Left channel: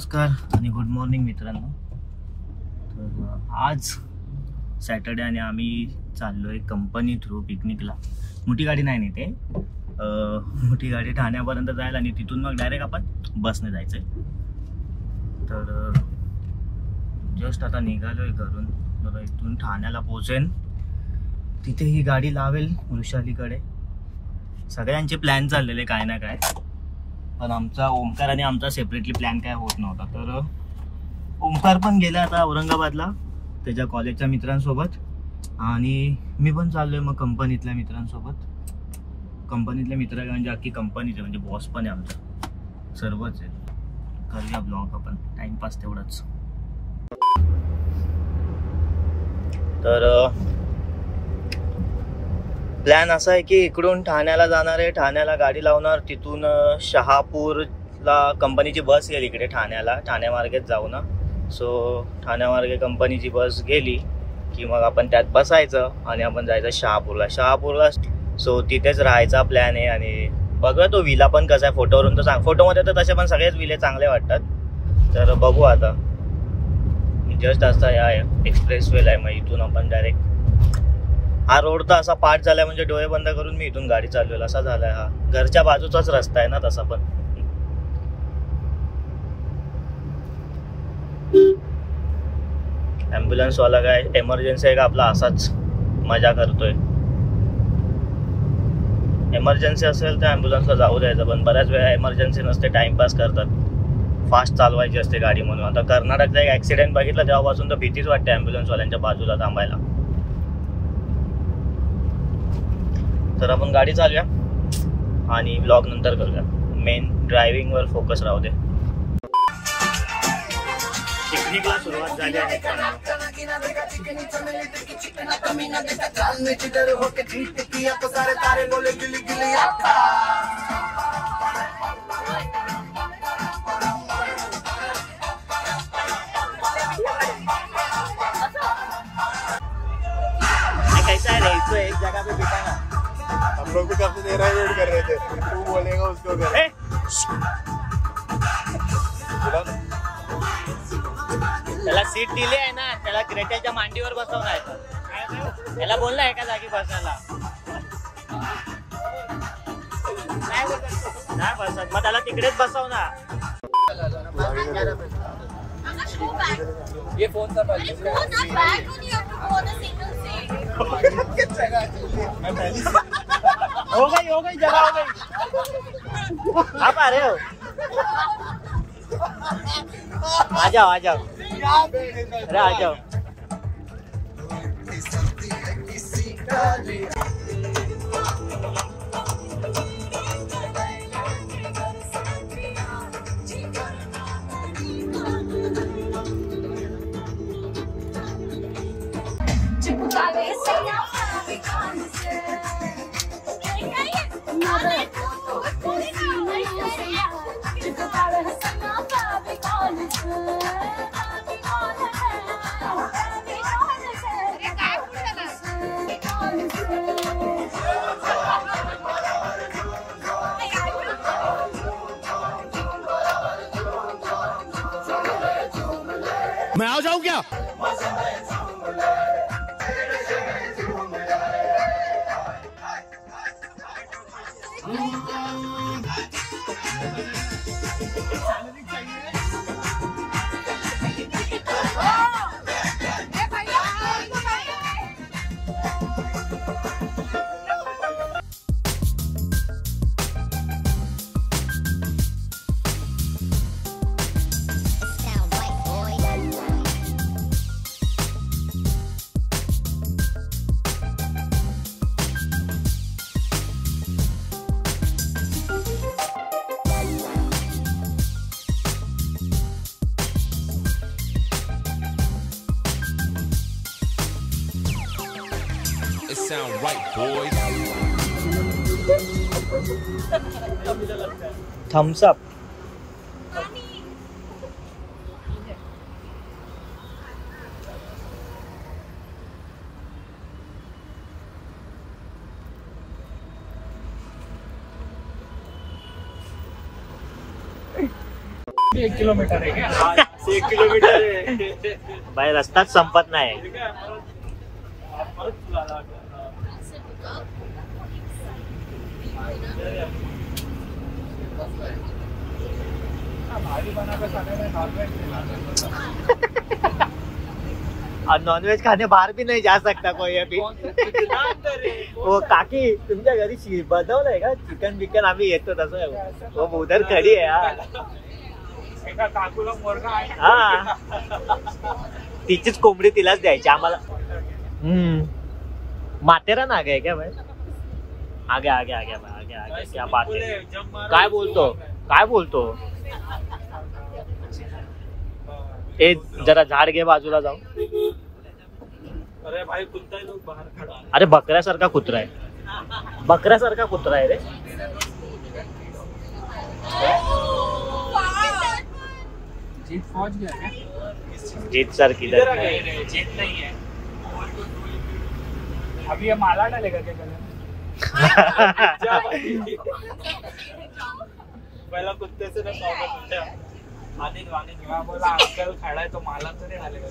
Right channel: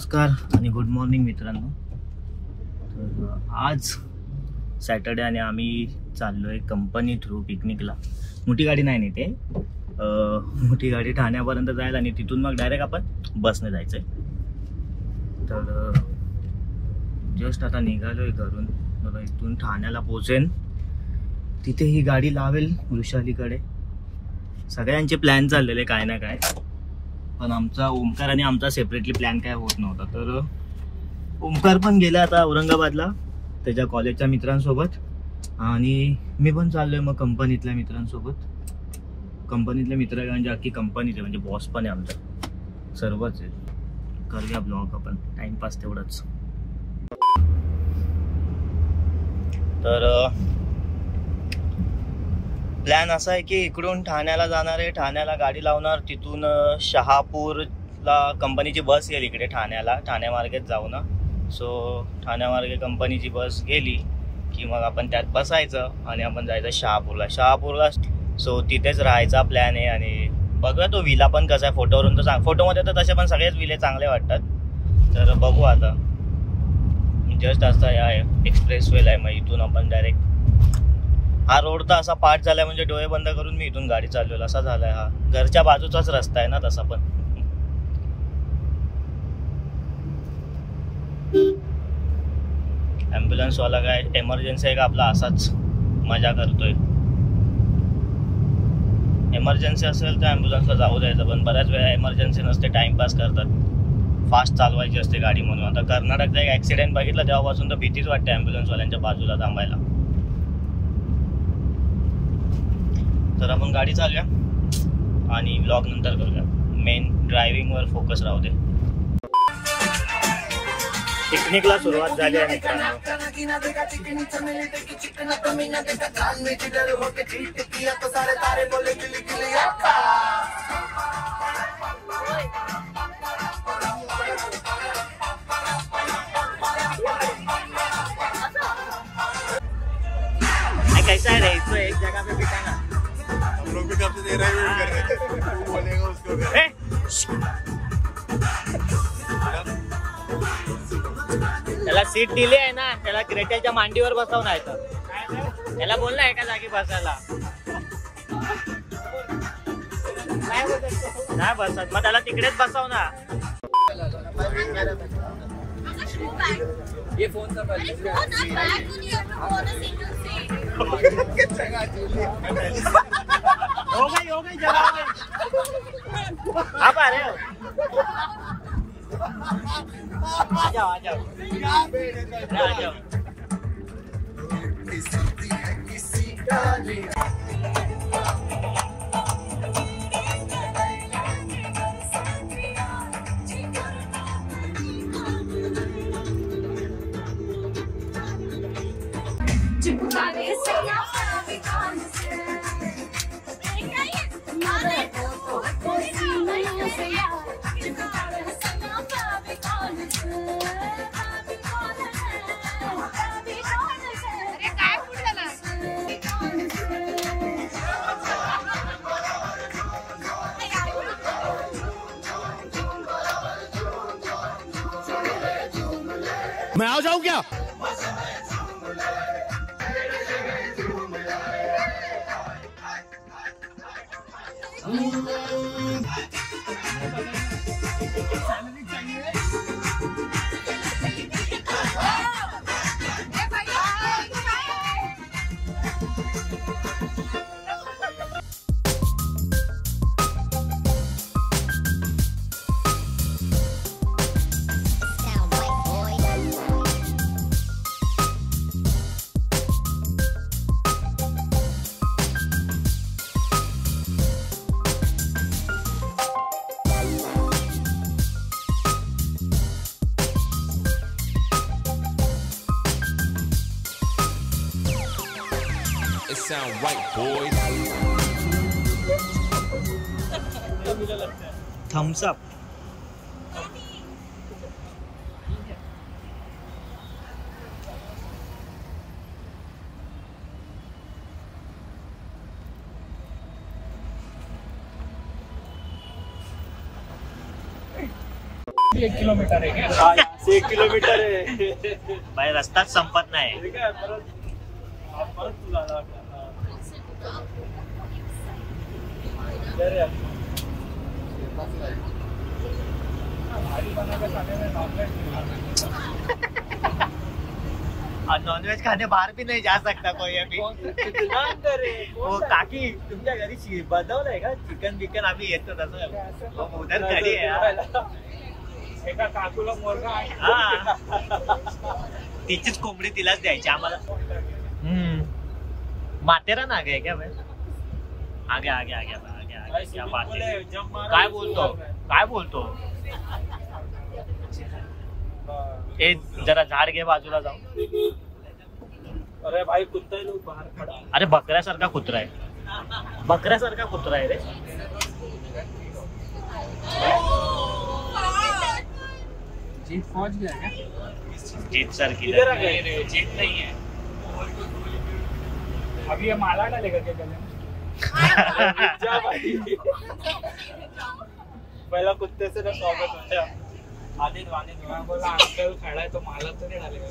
नमस्कार आणि good morning मित्रांनो। तर आज सॅटर्डे आणि आम्ही चाललोय कंपनी थ्रू पिकनिकला। मोठी गाडी नाही नेते, मोठी गाडी ठाण्यापर्यंत जायला आणि तिथून मग डायरेक्ट आपण बसने जायचंय। तर जस्ट आता निघालोय घरून, तर इथून ठाण्याला पोहोचेन, तिथे ही गाडी लावेल वृषालीकडे। सगळ्यांचे प्लॅन चाललेले काय ना काय, पण आमचा ओमकार आणि आमचा सेपरेटली प्लॅन काय होत नव्हता। तर ओमकार पण गेला आता औरंगाबादला त्याच्या कॉलेजच्या मित्रांसोबत, आणि मी पण चाललोय मग कंपनीतल्या मित्रांसोबत। कंपनीतले मित्र म्हणजे अख्खी कंपनीचे, म्हणजे बॉस पण आहे आमचा, सर्वच आहे। करूया ब्लॉग आपण, टाइमपास तेवढाच। तर प्लॅन असा आहे की इकडून ठाण्याला जाणार आहे, ठाण्याला गाडी लावणार, तिथून शहापूरला कंपनीची बस येईल इकडे ठाण्याला, ठाण्यामार्गेच जाऊ ना। सो ठाण्यामार्गे कंपनीची बस गेली की मग आपण त्यात बसायचं आणि आपण जायचं शहापूरला। सो तिथेच राहायचा प्लॅन आहे। आणि बघूया तो विला पण कसा आहे, फोटोवरून तर फोटोमध्ये तर तसे पण सगळेच विले चांगले वाटतात। तर बघू आता, जस्ट असा या एक्सप्रेस वेला आहे, मग इथून आपण डायरेक्ट, हा रोड तर असा पाठ झालाय म्हणजे डोळे बंद करून मी इथून गाडी चालवेल असा झालाय। हा घरच्या बाजूचाच रस्ता आहे ना तसा पण। ॲम्ब्युलन्स वाला काय एमर्जन्सी आहे का आपला असाच मजा करतोय। एमर्जन्सी असेल तर ॲम्ब्युलन्सला जाऊ द्यायचं, पण बऱ्याच वेळा एमर्जन्सी नसते, टाइमपास करतात, फास्ट चालवायची असते गाडी म्हणून। आता कर्नाटकचा एक ऍक्सिडेंट बघितला तेव्हापासून तर भीतीच वाटते ॲम्ब्युलन्सवाल्यांच्या बाजूला थांबायला। तर आपण गाडी चालूया आणि व्लॉग नंतर करूया, मेन ड्रायव्हिंग वर फोकस राहू दे। पिकनिकला सुरुवात झाली आहे मित्रांनो। कैसा है रे, इसको एक जगह पे बिठाना। हम लोग भी काफी देर वेट कर रहे थे, तू बोलेगा उसको कर। त्याला सीट दिली आहे ना, त्याला ग्रेटेलच्या मांडीवर बसवणार आहे, तर त्याला बोलला एका जागी बसायला, नाही बसत मग त्याला तिकडेच बसव ना। ये फोन था हो गई जगह हो गई। आप आ रहे हो, आ जाओ आ जाओ आ जाओ। मैं आ जाऊं क्या? It sound right, boys. Thumbs up. 1 किलोमीटर आहे. 1 किलोमीटर आहे बाहेर, रस्ताच संपत नाही. नॉनव्हेज खाने बाहर भी नहीं जा सकता कोई अभी. हो काकी तुमच्या घरी बनवलंय का चिकन बिकन? आम्ही येतो तसं. हो उधर खडी आहे. हा तिचीच कोंबडी तिलाच द्यायची आम्हाला. माथेरान आ गए क्या भाई? आगे आगे आगे आगे आगे क्या बात है? काय बोलतो? ए जरा झाड घे बाजूला जाऊ. अरे भाई कुत्ता है, लोग बाहर खड़ा. अरे बकऱ्यासारखा कुत्रा आहे रे. जीत पहुंच गया क्या? जीत सर किधर? जीत नहीं है अभी. ये माला डालेगा क्या गले में? पहला कुत्ते से ना स्वागत पूछा. बोला अंकल खड़ा है तो माला तो नहीं डालेगा.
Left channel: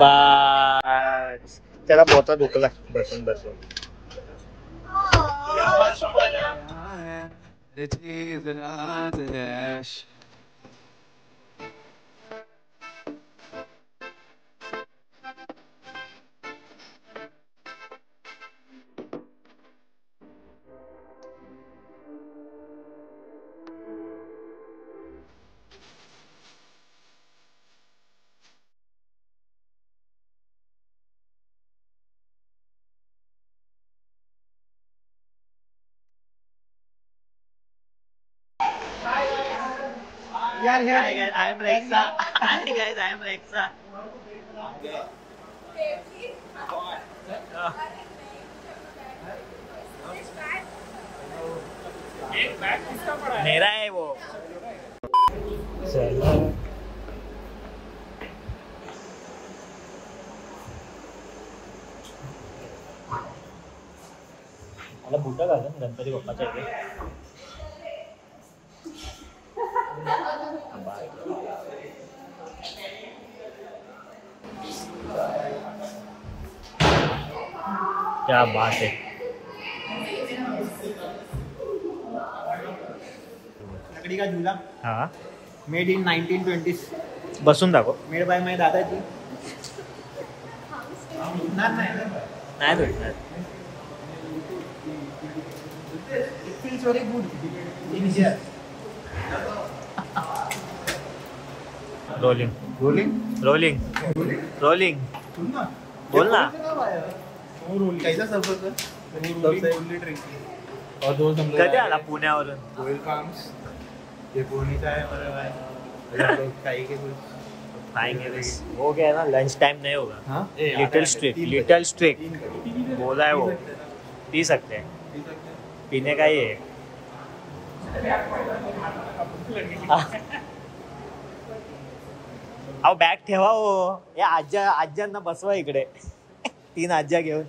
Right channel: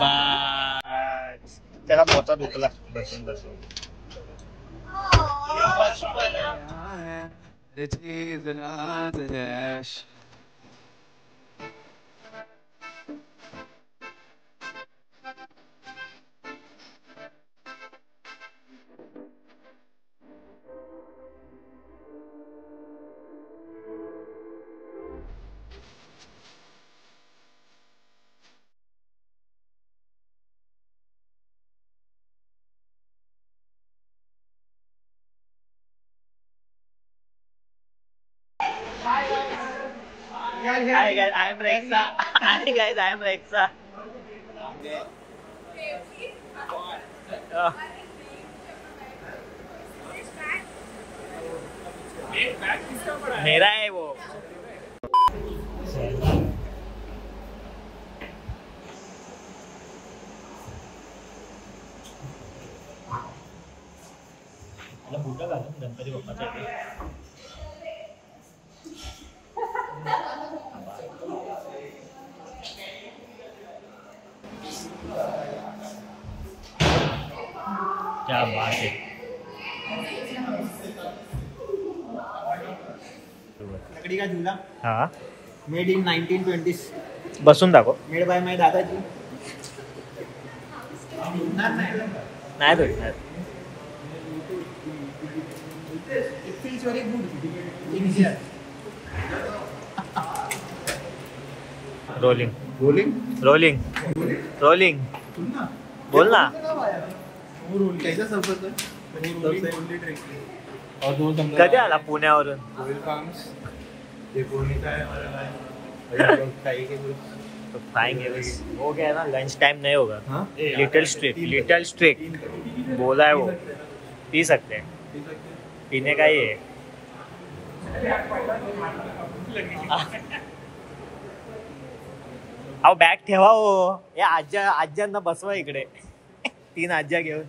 बस त्याला पोता दुखला बसून. Hi guys, I am Rexa. Hi guys, I am Rexa. मेरा है वो. मला भूका लागल्या गणपती बाप्पाच्या इथे. क्या बात है. लकड़ी का झूला हाँ मेड इन 1920s. बसून दाखव. मेड बाय माय दादाजी. नाही भेटणार. It feels very good in here. Rolling बोल ना. कैसा सफर था? और दो कधी आला पुण्यावरून? गोयल फार्म्स. ये पुणेचा है हमारा भाई. खाएंगे तो खाएंगे बस. हो गया ना, लंच टाइम नहीं होगा. हाँ लिटिल स्ट्रिक बोला है वो. पी सकते हैं, पीने का ही है. अहो बॅग ठेवा हो. या आज्यांना बसवा इकडे. 3 आज्या घेऊन.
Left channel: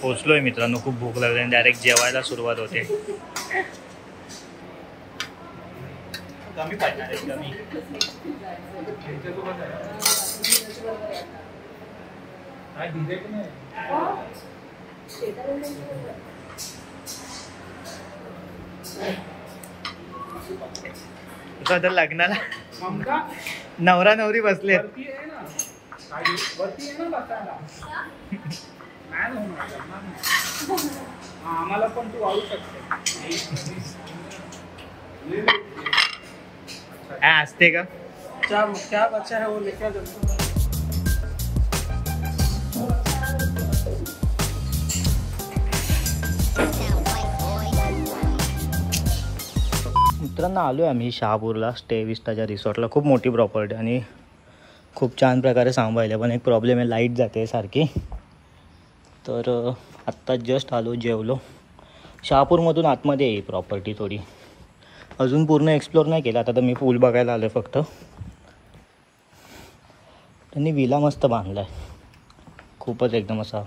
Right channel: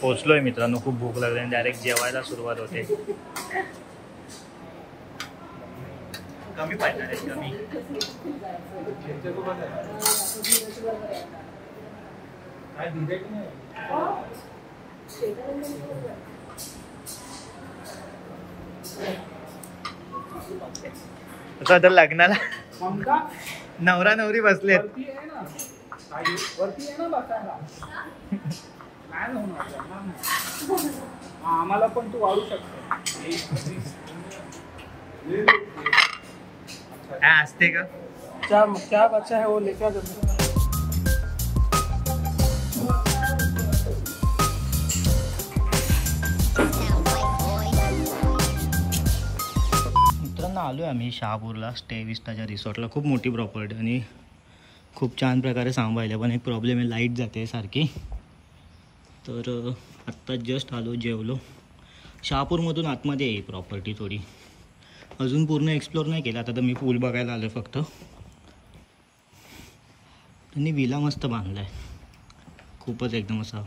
पोचलोय मित्रांनो. खूप भूक लागली आणि डायरेक्ट जेवायला सुरुवात होते. कमी पाहिजे कमी. तर लग्नाला नवरा नवरी बसलेत. वरती आहे ना बसायला. नाही होणार. आम्हाला पण तू वाढू शकते. असते का? क्या बच्चा है वो लेके मित्रांनो आलोय आम्ही शहापूरला स्टे विस्टाच्या रिसॉर्टला. खूप मोठी प्रॉपर्टी आणि खूप छान प्रकारे सांभाळले. पण एक प्रॉब्लेम आहे, लाईट जाते सारखी. तर आत्ता जस्ट आलो, जेवलो. शहापूरमधून आतमध्ये आहे प्रॉपर्टी थोडी. अजून पूर्ण एक्सप्लोर नाही केलं. आता तर मी पूल बघायला आलो फक्त. त्यांनी विला मस्त बांधला आहे, खूपच एकदम असा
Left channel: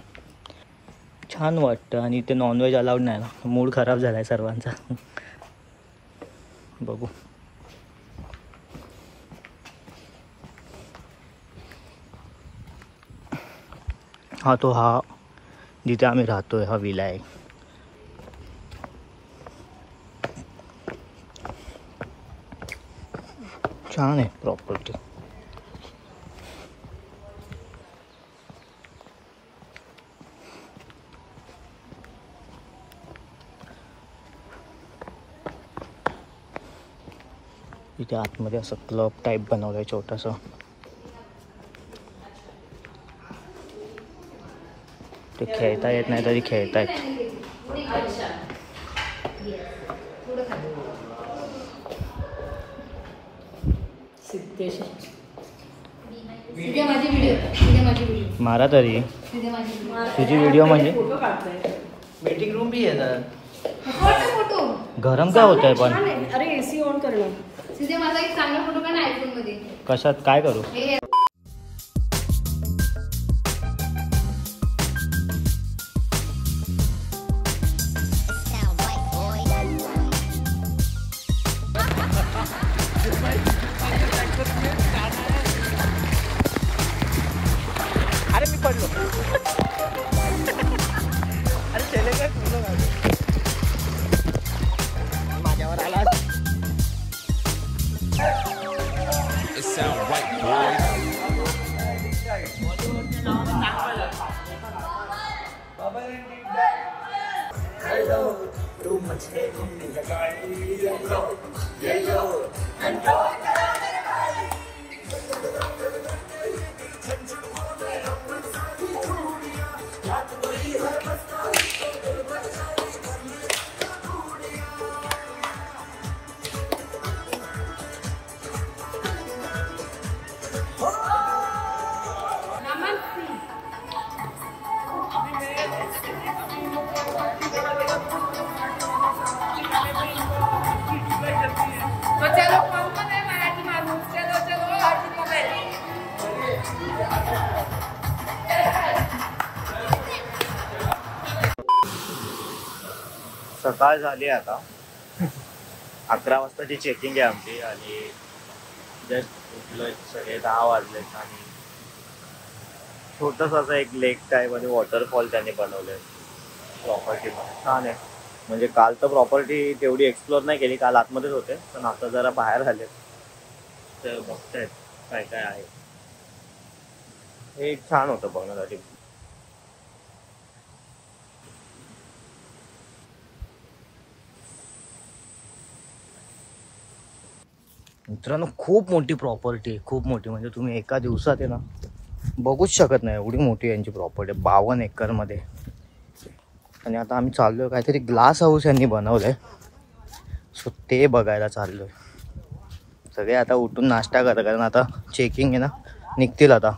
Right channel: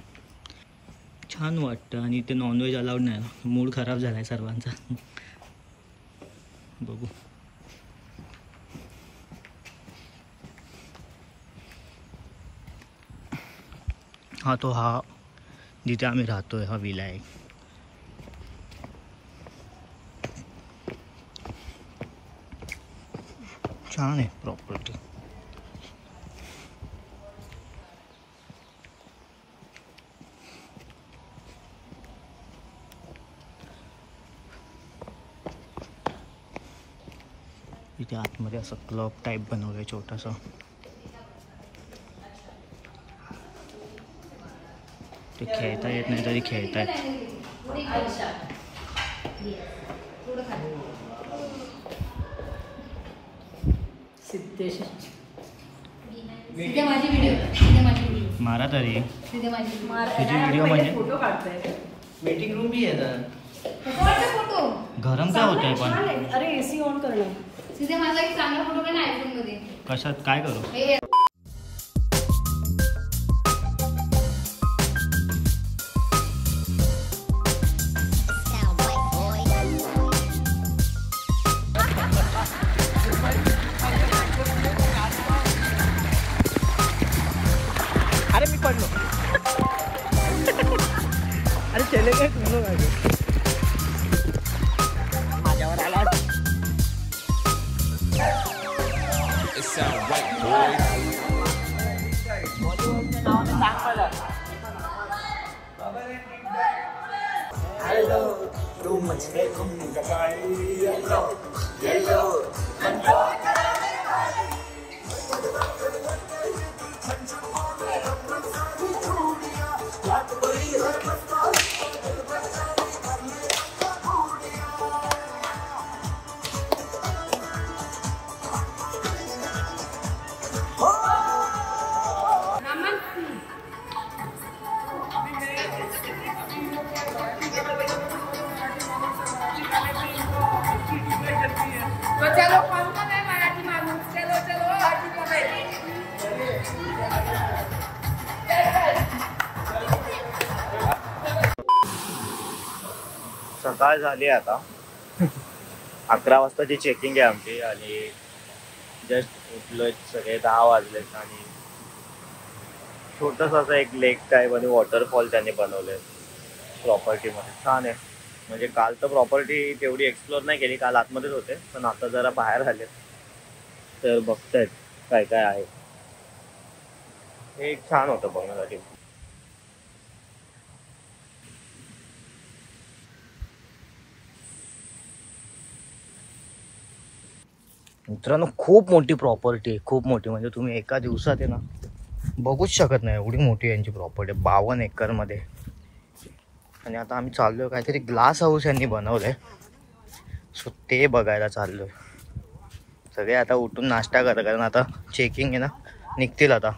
छान वाटतं. आणि ते नॉनव्हेज अलाउड नाही ना, मूड खराब झाला आहे सर्वांचा. बघू. हा जिथे आम्ही राहतोय हा विला आहे. छान आहे प्रॉपर्टी. इथे आतमध्ये असं क्लब टाईप बनवलंय छोटंसं. ते खेळता येत नाही तरी खेळतायत. मारा तरी तुझी व्हिडिओ म्हणजे मीटिंग रूम भी आहे ना. गरम काय होत आहे पण. अरे एसी ऑन करणं. तिथे माझा एक चांगला फोटो का नाही आयफोन मध्ये. कशात काय करू. अरे मी पडलो. अरे चले काय पूर्ण गाडी माझ्यावर आला. It sound right, boys. तो चलो कौन कौन है मराठी माणूस. चलो चलो हाजी मोबाईल. सकाळ झाली आता. 11 वाजताची चेकिंग आहे आमची आणि जस्ट उठलोय. सगळे 10 वाजलेत आणि छोटंसं असं एक लेक टाईप आणि वॉटरफॉल त्यांनी बनवलंय प्रॉपर्टीमध्ये. छान आहे. म्हणजे काल तर प्रॉपर्टी तेवढी एक्सप्लोर नाही केली, काल आतमध्येच होते, पण आता जरा बाहेर आले तर बघतायत काय काय आहे. हे एक छान होतं बघण्यासाठी. मित्रांनो खूप मोठी प्रॉपर्टी आहे, खूप मोठी. म्हणजे तुम्ही एका दिवसात आहे ना बघूच शकत नाही, एवढी मोठी यांची प्रॉपर्टी आहे. 52 एकरमध्ये. आणि आता आम्ही चाललोय काहीतरी ग्लास हाऊस यांनी बनवलंय, सो ते बघायला चाललोय. सगळे आता उठून नाश्ता करतात कारण आता चेकिंग आहे ना, निघतील आता.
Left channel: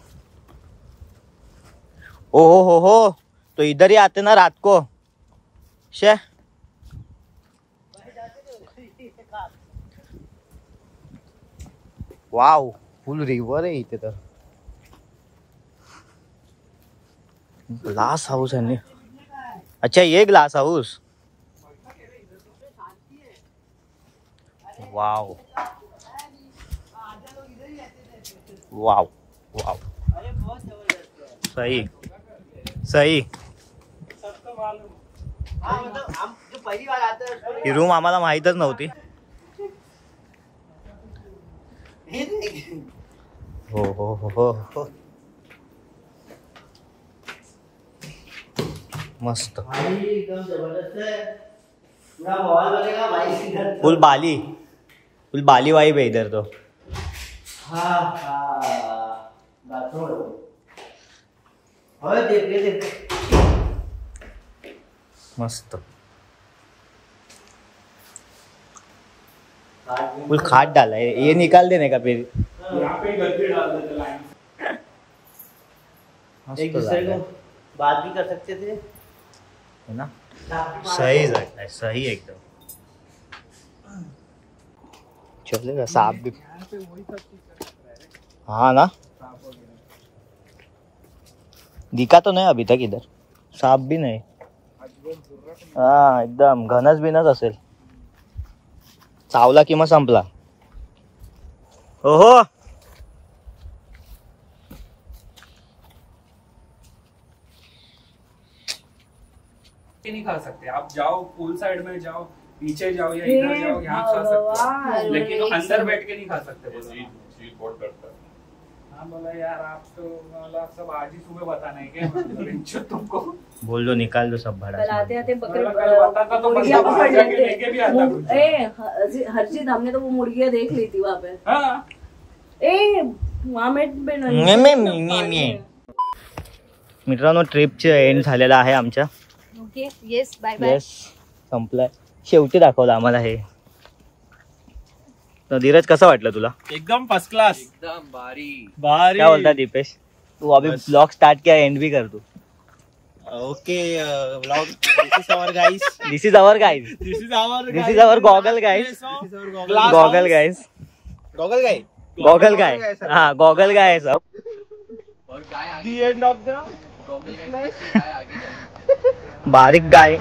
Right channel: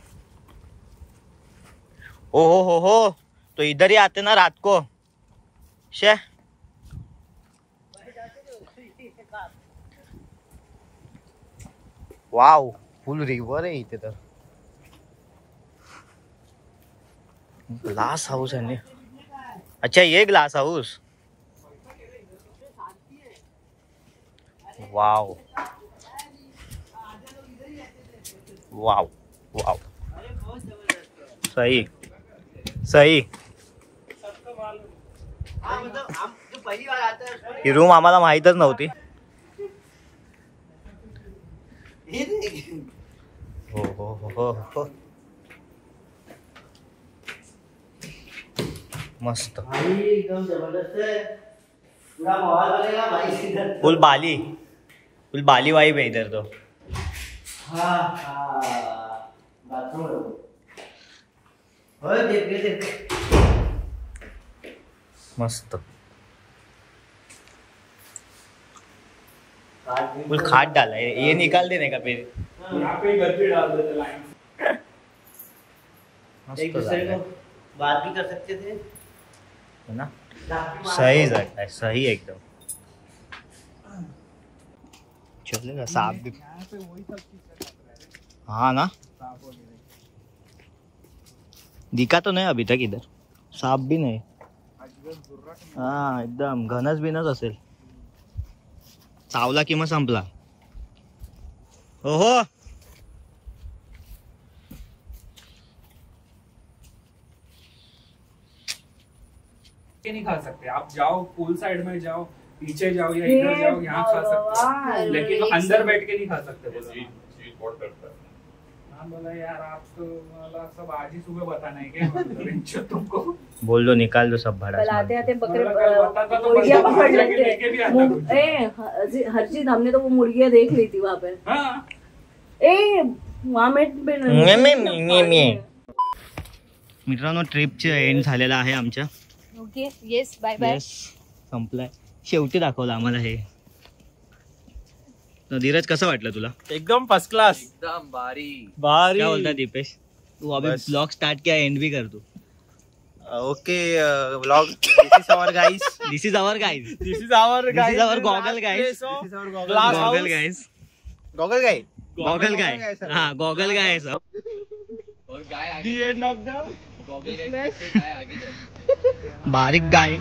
ओ हो तो इधर ही आते ना रात को. शे वाव, फुल रिव्हर आहे इथे. तर ग्लास हाऊस यांनी. अच्छा ये ग्लास हाउस. वाव वाव वाव, सही सही. ही रूम आम्हाला माहीतच नव्हती. हो हो हो हो, मस्त. फुल बाली वाइब है इधर तो. मस्त. फुल खाट डाला है, ये निकाल देने का फिर. यहाँ पे घर पे डाल देते लाइन. एक दूसरे को बात भी कर सकते थे है ना. सही जगह है, सही एकदम. चलेगा सांप भी। हाँ ना, दिखा तो नहीं अभी तक इधर, सांप भी नहीं। हाँ एकदम घनच बिनच असेल, चावला किंवा संपला। ओहो नहीं खा सकते आप, जाओ पूल साइड में जाओ, नीचे जाओ या इधर जाओ, यहाँ खा सकते हो, लेकिन अंदर बैठ के नहीं खा सकते। बोलो हाँ बोला यार, आप तो मतलब सब आज ही सुबह बताना है क्या तुमको? बोल दो निकाल दो सब भाड़ा। आते आते कल बताता तो बंदा बाहर जाके लेके भी आता कुछ। हर्षित हमने तो वो मुर्गियाँ देख ली थी वहाँ पे। हाँ वहाँ मित्रांनो ट्रिपचे एंड झालेला आहे आमच्या। Okay yes bye bye. Yes संपलाय, शेवटी दाखवलं आम्हाला हे। तर धीरज कसं वाटलं तुला? एकदम फर्स्ट क्लास, एकदम भारी भारी। क्या बोलता दीपेश? तू अभी ब्लॉग स्टार्ट किया, एंड भी कर तू। Okay vlog, this is our guys, this is our guys, this is our this is our goggle guys, goggle guys, goggle guys, goggle guy, हाँ गॉगल गाय है सब। द एंड ऑफ द बारीक गाय।